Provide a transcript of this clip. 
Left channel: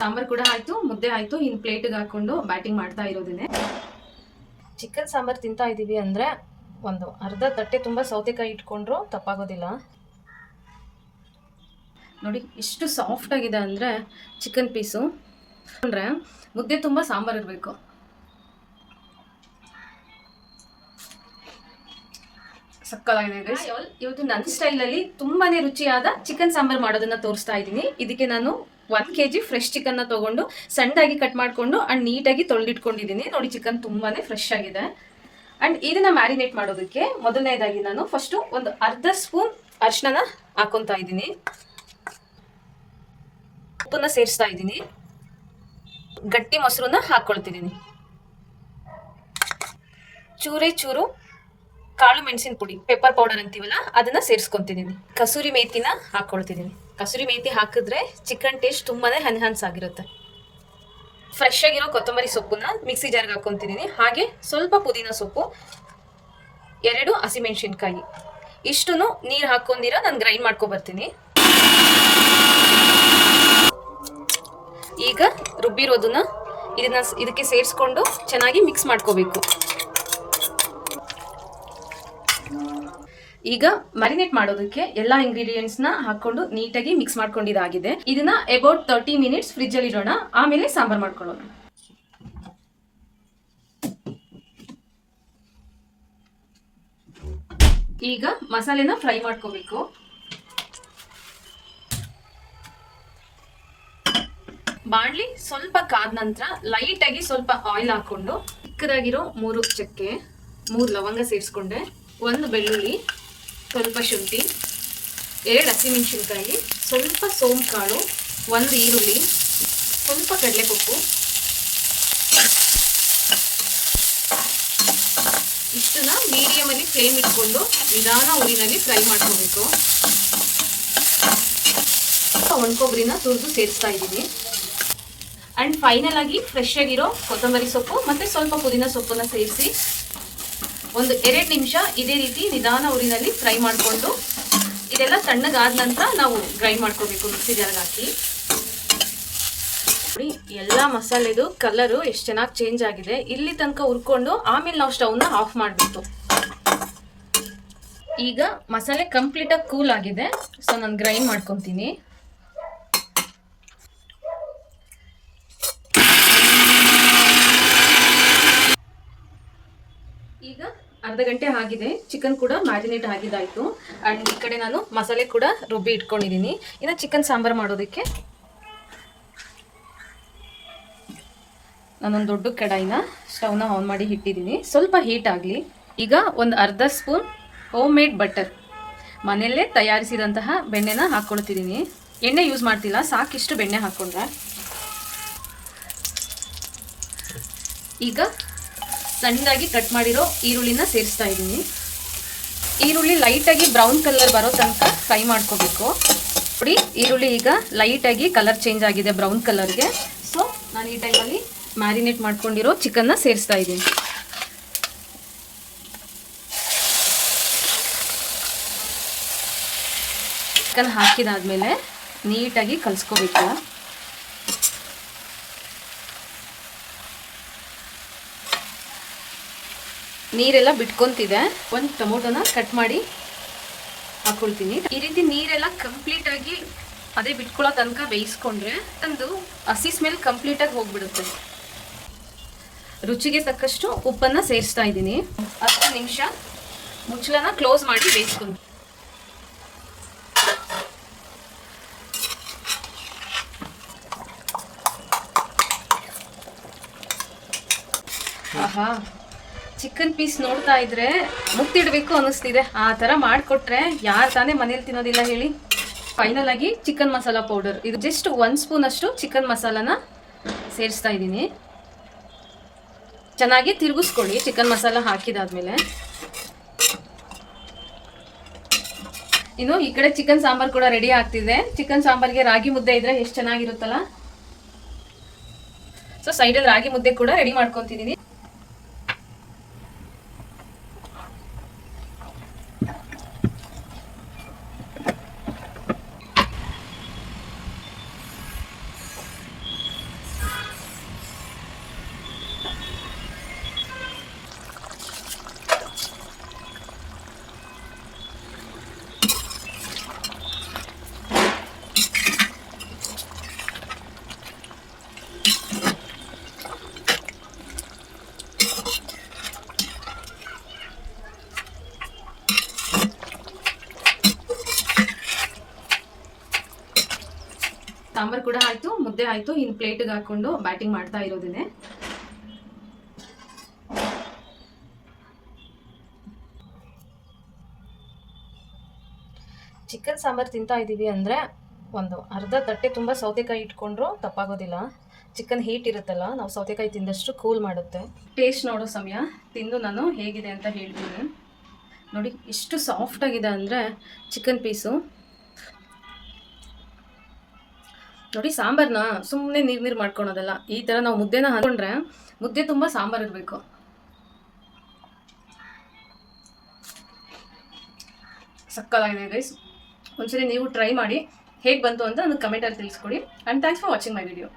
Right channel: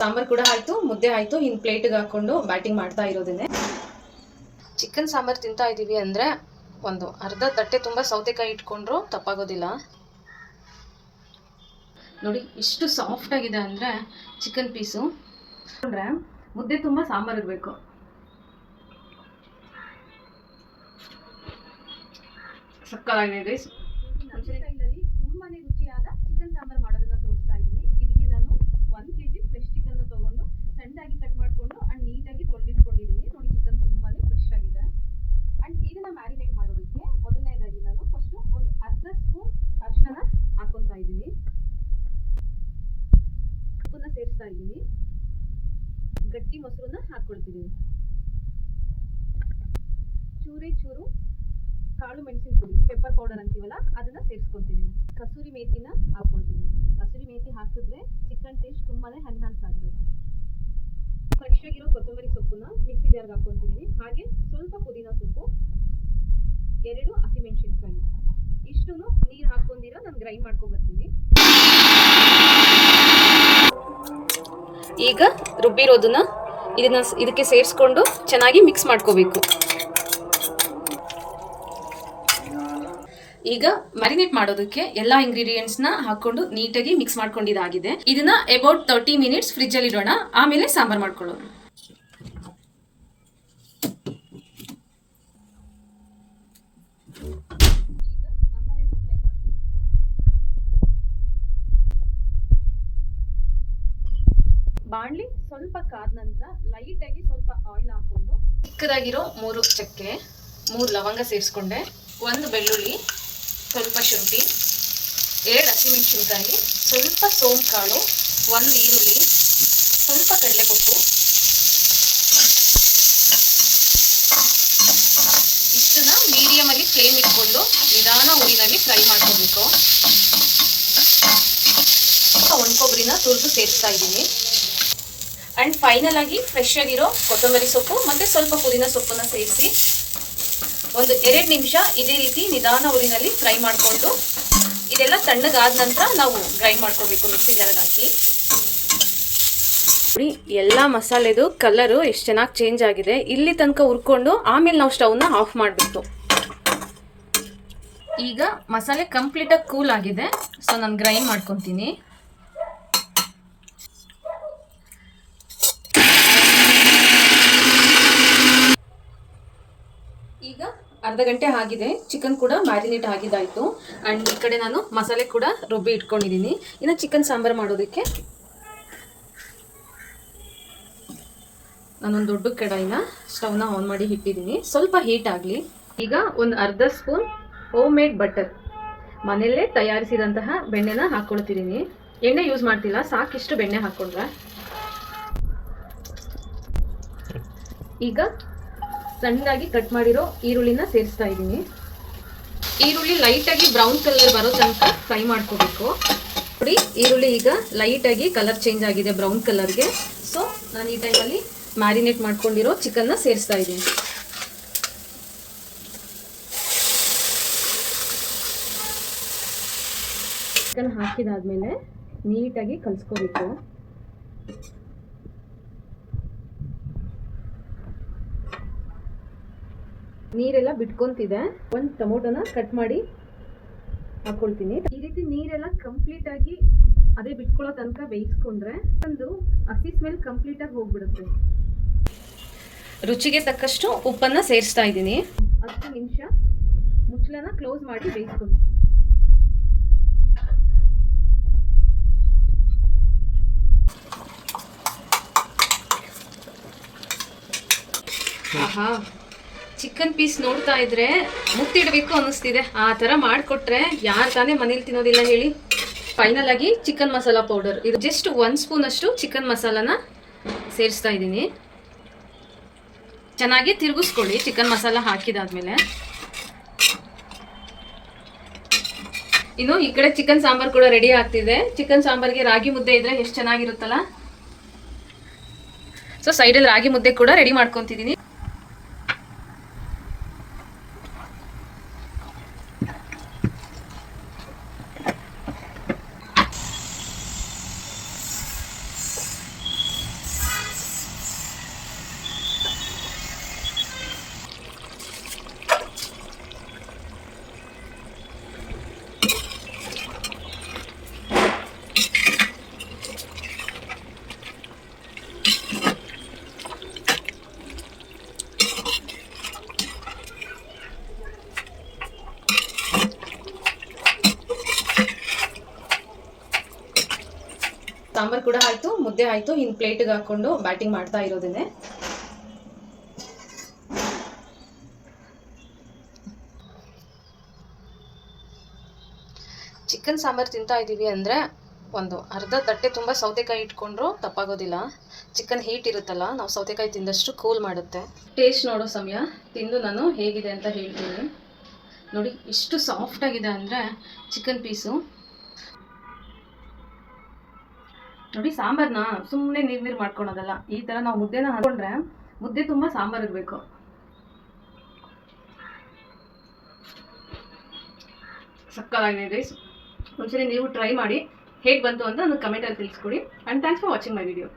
ಸಾಂಬಾರ್ ಕೂಡ ಆಯ್ತು, ಮುದ್ದೆ ಆಯ್ತು. ಇನ್ ಪ್ಲೇಟ್ಗೆ ಹಾಕೊಂಡು ಬ್ಯಾಟಿಂಗ್ ಮಾಡ್ತಾ ಇರೋದೇನೆ. ಚಿಕನ್ ಸಾಂಬಾರ್ ತಿಂತಾ ಇದ್ದೀವಿ ಅಂದರೆ ಒಂದು ಅರ್ಧ ತಟ್ಟೆ ತುಂಬ ಸೌತೆಕಾಯಿ ಇಟ್ಕೊಂಡ್ರು ತಪ್ಪಾಗೋದಿಲ್ಲ. ನೋಡಿ ಇಷ್ಟು ಸಾಫ್ಟ್ ಆಗಿದೆ ಅಂದರೆ ಚಿಕನ್ ಪೀಸು. ಅಂದರೆ ಮುದ್ದೆ ತುಂಬ ಸಾಂಬಾರು ಇರಬೇಕು. ಸಕ್ಕತ್ತಾಗಿದೆ ಗೈಸ್. ಇವತ್ತು ನನ್ನ ಸ್ಟೈಲಲ್ಲಿ ತುಂಬಾನೇ ರುಚಿಯಾದ ಚಿಕನ್ ಸಾಂಬಾರ್ ಮಾಡೋದನ್ನ ತೋರಿಸ್ತಾ ಇದ್ದೀನಿ. ಇದಕ್ಕೆ ನಾನು 1 kg ಫ್ರೆಶ್ ಚಿಕನ್ನ ತಗೊಂಡು ಸಣ್ಣದಾಗಿ ಕಟ್ ಮಾಡಿಕೊಂಡು ಅಂಡ್ ನೀಟಾಗಿ ತೊಳೆದಿಟ್ಕೊಂಡಿದ್ದೀನಿ. ನೋಡಿ ಚಿಕನ್ ತುಂಬಾನೇ ಫ್ರೆಶ್ ಆಗಿದೆ. ಅಂಡ್ ಇದನ್ನ ಮ್ಯಾರಿನೇಟ್ ಮಾಡೋದಕ್ಕೆ ಮೊದಲನೇದಾಗಿ ನಾನು ಫಸ್ಟ್ ಒಂದು ಅರ್ಧ ಸ್ಪೂನ್ ಅರಿಶಿನ ಹಾಕೊಂತಾ ಇದ್ದೀನಿ. ಉಪ್ಪನ್ನ ಸೇರಿಸ್ತಾ ಇದ್ದೀನಿ. ಗಟ್ಟಿ ಮೊಸರನ್ನ ಹಾಕೊಳ್ತಿದ್ದೀನಿ. ಚೂರು ಕಾಳು ಮೆಣಸಿನ ಪುಡಿ, ಪೆಪ್ಪರ್ ಪೌಡರ್ ಅಂತೀವಲ್ಲ, ಅದನ್ನ ಸೇರಿಸ್ಕೊಂತಿದ್ದೀನಿ. ಕಸೂರಿ ಮೇಥಿನ ಹಾಕೊಳ್ತಿದ್ದೀನಿ. ಕಸೂರಿ ಮೇಥಿ ಹಾಕಿದ್ರೆ ಚಿಕನ್ ಟೇಸ್ಟ್ ತುಂಬಾನೇ ಎನ್ಹಾನ್ಸ್ ಆಗಿರುತ್ತೆ. ಫ್ರೆಶ್ ಆಗಿರೋ ಕೊತ್ತಂಬರಿ ಸೊಪ್ಪನ್ನ ಮಿಕ್ಸಿ ಜಾರ್ಗೆ ಹಾಕೊಂತಿದ್ದೀನಿ. ಹಾಗೆ ಸ್ವಲ್ಪ ಪುದೀನ ಸೊಪ್ಪು, 2 ಹಸಿಮೆಣಸಿನ್ಕಾಯಿ, ಇಷ್ಟನ್ನು ನೀರು ಹಾಕೊಂಡಿರ ನಾನು ಗ್ರೈಂಡ್ ಮಾಡ್ಕೊಬರ್ತೀನಿ. ಈಗ ರುಬ್ಬಿರೋದನ್ನ ಇದಕ್ಕೆ ಸೇರಿಸ್ಕೊಂಡು ಚೆನ್ನಾಗಿ ಮಿಕ್ಸ್ ಮಾಡ್ಕೋಬೇಕು. ಈಗ ಮ್ಯಾರಿನೇಟ್ ಮಾಡೋದಕ್ಕೆ ಎಲ್ಲ ಇಂಗ್ರೀಡಿಯೆಂಟ್ಸ್ನ ಹಾಕೊಂಡು ನೀಟಾಗಿ ಮಿಕ್ಸ್ ಮಾಡ್ಕೊಂಡಿದ್ದಾಗಿದೆ. ಇದನ್ನ ಅಬೌಟ್ 30 ಮಿನಿಟ್ಸ್ ಫ್ರಿಜ್ ಅಲ್ಲಿ ಇಡೋಣ, ಆಮೇಲೆ ಸಾಂಬಾರ್ ಮಾಡ್ಕೊಳ್ಳೋಣ. ಈಗ ಮಸಾಲೆನ ಫ್ರೈ ಮಾಡ್ಕೋಬೇಕು. ಬಾಣಲಿ ಸ್ವಲ್ಪ ಕಾದ ನಂತರ ಲೈಟ್ ಆಗಿ ಸ್ವಲ್ಪ ಆಯಿಲ್ ಹಾಕೊಂಡು ಚಿಕ್ಕದಾಗಿರೋ 3 ಚಕ್ಕೆ, 3 ಲವಂಗ ಸೇರಿಸ್ಕೊಂಡೆ, 1 ಬೆಳ್ಳುಳ್ಳಿ, ಸ್ವಲ್ಪ ಶುಂಠಿ, 2 ಹಸಿಮೆಣಸಿನ್ಕಾಯಿ, ಸ್ವಲ್ಪ ಸೋಂಪು ಕಾಳು, 1 ಈರುಳ್ಳಿ, ಸ್ವಲ್ಪ ಕಡಲೆಪಪ್ಪು, ಇಷ್ಟನ್ನ ಮೀಡಿಯಮ್ ಅಲ್ಲಿ ಫ್ಲೇಮ್ ಇಟ್ಕೊಂಡು ನಿಧಾನ ಉರಿನಲ್ಲಿ ಫ್ರೈ ಮಾಡ್ಕೋಬೇಕು. ಒಣಕೊಬ್ಬರಿನ ತುರಿದು ಸೇರಿಸ್ತಾ ಇದ್ದೀನಿ. ಅಂಡ್ ಫೈನಲ್ ಆಗಿ ಫ್ರೆಶ್ ಆಗಿರೋ ಕೊತ್ತಂಬರಿ ಸೊಪ್ಪು ಮತ್ತೆ ಸ್ವಲ್ಪ ಪುದೀನ ಸೊಪ್ಪನ್ನ ಸೇರಿಸಿ ಒಂದು 2 ನಿಮಿಷ ಇದೇ ರೀತಿ ನಿಧಾನ ಉರಿನಲ್ಲಿ ಫ್ರೈ ಮಾಡಿಕೊಂಡು ಇದೆಲ್ಲ ತಣ್ಣಗಾದ ನಂತರ ನಾವು ಗ್ರೈಂಡ್ ಮಾಡ್ಕೋಬೇಕು ಮಿಕ್ಸಿ ಜಾರ್ಗೆ ಹಾಕಿ. ಎಲ್ಲ ಮಸಾಲೆದು ಕಲರು ಎಷ್ಟು ಚೆನ್ನಾಗಿ ಚೇಂಜ್ ಆಗಿದೆ. ಇಲ್ಲಿ ತನಕ ಹುರ್ಕೊಂಡು ಆಮೇಲೆ ನಾವು ಸ್ಟವ್ನ ಆಫ್ ಮಾಡಿಬಿಟ್ಟು. ಈಗ ಮಸಾಲೆ ಕಂಪ್ಲೀಟಾಗಿ ಕೂಲ್ ಆಗಿದೆ. ಸೊ ನಾನು ಗ್ರೈಂಡ್ ಮಾಡ್ಕೊತೀನಿ. ಈಗ ಅರ್ಧ ಗಂಟೆ ಆಗಿದೆ. ಚಿಕನ್ ಕೂಡ ಮ್ಯಾರಿನೇಟ್ ಆಗಿದ್ದಾಯಿತು. ಆ್ಯಂಡ್ ಈ ಕಡೆ ನಾನು ಮಸಾಲೆ ಕೂಡ ರುಬ್ಬಿ ಇಟ್ಕೊಂಡಿದ್ದೀನಿ. ಇನ್ನು ಚಿಕನ್ ಸಾಂಬಾರು ಮಾಡೋದಕ್ಕೆ ನಾನೊಂದು ದೊಡ್ಡ ಕಡಾಯಿನ ಸ್ಟವ್ನ ಆನ್ ಮಾಡಿ ಇಟ್ಟಿದ್ದೀನಿ. ಸ್ವಲ್ಪ ಹೀಟ್ ಆಗಲಿ. ಈಗ ಒಂದು ಅರ್ಧ ಸ್ಪೂನ್ ಹೋಮ್ ಮೇಡ್ ಬಟರ್, ಮನೆಯಲ್ಲೇ ತಯಾರಿಸಿದಂತಹ ಬೆಣ್ಣೆನ ಹಾಕ್ಕೊಳ್ತಿದ್ದೀನಿ. ಎಣ್ಣೆ ಯೂಸ್ ಮಾಡ್ತಿಲ್ಲ, ಸಾಕಿಷ್ಟು ಬೆಣ್ಣೆ ಹಾಕ್ಕೊಂಡ್ರೆ. ಈಗ ಸಣ್ಣದಾಗಿ ಕಟ್ ಮಾಡಿರೋ ಈರುಳ್ಳಿನ ಸೇರಿಸ್ತಾ ಇದ್ದೀನಿ. ಈರುಳ್ಳಿ ಲೈಟಾಗಿ ಬ್ರೌನ್ ಕಲರ್ ಬರೋ ತನಕ ಫ್ರೈ ಮಾಡ್ಕೋಬೇಕು. ನೋಡಿ ಈರುಳ್ಳಿ ಈಗ ಲೈಟಾಗಿ ಕಲರ್ ಚೇಂಜ್ ಆಗಿದೆ ಬ್ರೌನ್ ಕಲರ್ಗೆ. ಸೊ ನಾನು ಈ ಟೈಮಲ್ಲಿ ಮ್ಯಾರಿನೇಟ್ ಮಾಡ್ಕೊಂಡಿರೋ ಚಿಕನ್ನ ಸೇರಿಸ್ತಾ ಇದ್ದೀನಿ. ಚಿಕನ್ ಹಾಕಿದಾದ್ಮೇಲೆ ನೀಟಾಗಿ ಕಲಿಸ್ಕೋಬೇಕು. ನೀರೆಲ್ಲ ಬಿಟ್ಕೊಂತಿದೆ. 1 ಟೊಮೊಟೊನ ಕಟ್ ಮಾಡಿ ಹಾಕೊಳ್ತೀನಿ. ಈ ರೀತಿ ನೀರೆಲ್ಲ ಕಂಪ್ಲೀಟ್ ಆಗಿ ಅದೇ ಬಿಟ್ಕೊಳ್ಳೋ ತನಕ ಬೇಯಿಸ್ಕೊಂಡ್ರೆ ಒಂದು ಹಸಿ ಸ್ಮೆಲ್ ಕಂಪ್ಲೀಟ್ ಆಗಿ ಹೋಗ್ಬಿಡುತ್ತೆ. ರುಚಿಗೆ ತಕ್ಕಷ್ಟು ಉಪ್ಪನ್ನ ಸೇರಿಸ್ತಾ ಇದ್ದೀನಿ. 10 ನಿಮಿಷ ಮುಚ್ಚಳನ ಕ್ಲೋಸ್ ಮಾಡಿ ಬೇಯಿಸ್ಕೊಂಡು. ಆಹಾ, ಚಿಕನ್ ಪೀಸ್ ನೋಡ್ತಾ ಇದ್ರೆ ಮುತ್ತಿಡಬೇಕು ಅನ್ನಿಸ್ತಿದೆ. ಆ ಥರ ಮಾಡಿಕೊಟ್ರೆ ಯಾರು ತಾನೇ ಮನೇಲಿ ತಿನ್ನೋದಿಲ್ಲ ಹೇಳಿ. ಫೈನಲ್ ಆಗಿ ಚಿಕನ್ ಮಸಾಲ ಪೌಡರ್, ಇದು ಜಸ್ಟ್ 1 ಸ್ಪೂನ್ ಅಷ್ಟು ಚಿಕನ್ ಮಸಾಲಾನ ಸೇರಿಸ್ತಾ ಇದ್ದೀನಿ. ಚೆನ್ನಾಗಿ ತಿರುಗಿಸ್ಕೊಳ್ಳಿ ಚಿಕನ್ ಮಸಾಲ ಹಾಕಿದಾದ್ಮೇಲೆ. ಇನ್ನು ಈ ಕಡೆ ಚಿಕನ್ ಸಾಂಬಾರ್ ಕೂಡ ರೆಡಿ ಆಗ್ತಿದೆ. ಚಿಕನ್ ಸಾಂಬಾರ್ಗೆ ರಾಗಿ ಮುದ್ದೆ ಇದ್ರೆ ಎಷ್ಟು ಚೆನ್ನಾಗಿರುತ್ತಲ್ಲ. ಸೊ ಸೈಡಲ್ಲಿ ರಾಗಿ ಮುದ್ದೆ ಕೂಡ ರೆಡಿ ಮಾಡ್ಕೊತಿದ್ದೀನಿ. ಸಾಂಬಾರು ಕೂಡ ಆಯಿತು, ಮುದ್ದೆ ಆಯಿತು. ಇನ್ನು ಪ್ಲೇಟಿಗೆ ಹಾಕ್ಕೊಂಡು ಬ್ಯಾಟಿಂಗ್ ಮಾಡ್ತಾ ಇರೋದೇನೆ. ಚಿಕನ್ ಸಾಂಬಾರು ತಿಂತಾ ಇದ್ದೀವಿ ಅಂದರೆ ಒಂದು ಅರ್ಧ ತಟ್ಟೆ ತುಂಬ ಸೌತೆಕಾಯಿ ಇಟ್ಕೊಂಡ್ರು ತಪ್ಪಾಗೋದಿಲ್ಲ. ಚಿಕನ್ ಹೀಟ್ ಇರುತ್ತಲ್ಲ, ನಾವು ಸೌತೆಕಾಯಿ ತಿಂದಷ್ಟು ಕೂಲ್ ಮಾಡುತ್ತೆ. ಟೇಸ್ಟ್ ನೋಡೋ ಸಮಯ ತಿಂದು ನಾನು ಹೇಗಿದೆ ಅಂತ ಹೇಳ್ತೀನಿ. ನೋಡಿ ಇಷ್ಟು ಸಾಫ್ಟಾಗಿದೆ ಅಂದರೆ ಚಿಕನ್ ಪೀಸು. ನೋಡಿ ಸಾಂಬಾರನ್ನ ಸುಮ್ಮನೆ ನೀರು ಮಾಡ್ಕೊಳೋದಲ್ಲ, ಈ ಥರ ನಾವು ಮುದ್ದೆನ ಹಾಕೊಂಡ್ರೆ ಮುದ್ದೆ ತುಂಬ ಸಾಂಬಾರು ಇರಬೇಕು. ಸಕ್ಕತ್ತಾಗಿದೆ ಗೈಸ್. ಒಂದ್ಸರಿ ನೀವು ಟ್ರೈ ಮಾಡಿ, ಹೇಗೆ ಬಂತು ಅಂತ ನನಗೆ ಕಮೆಂಟಲ್ಲಿ ತಿಳಿಸ್ಕೊಡಿ. And thanks for watching my video.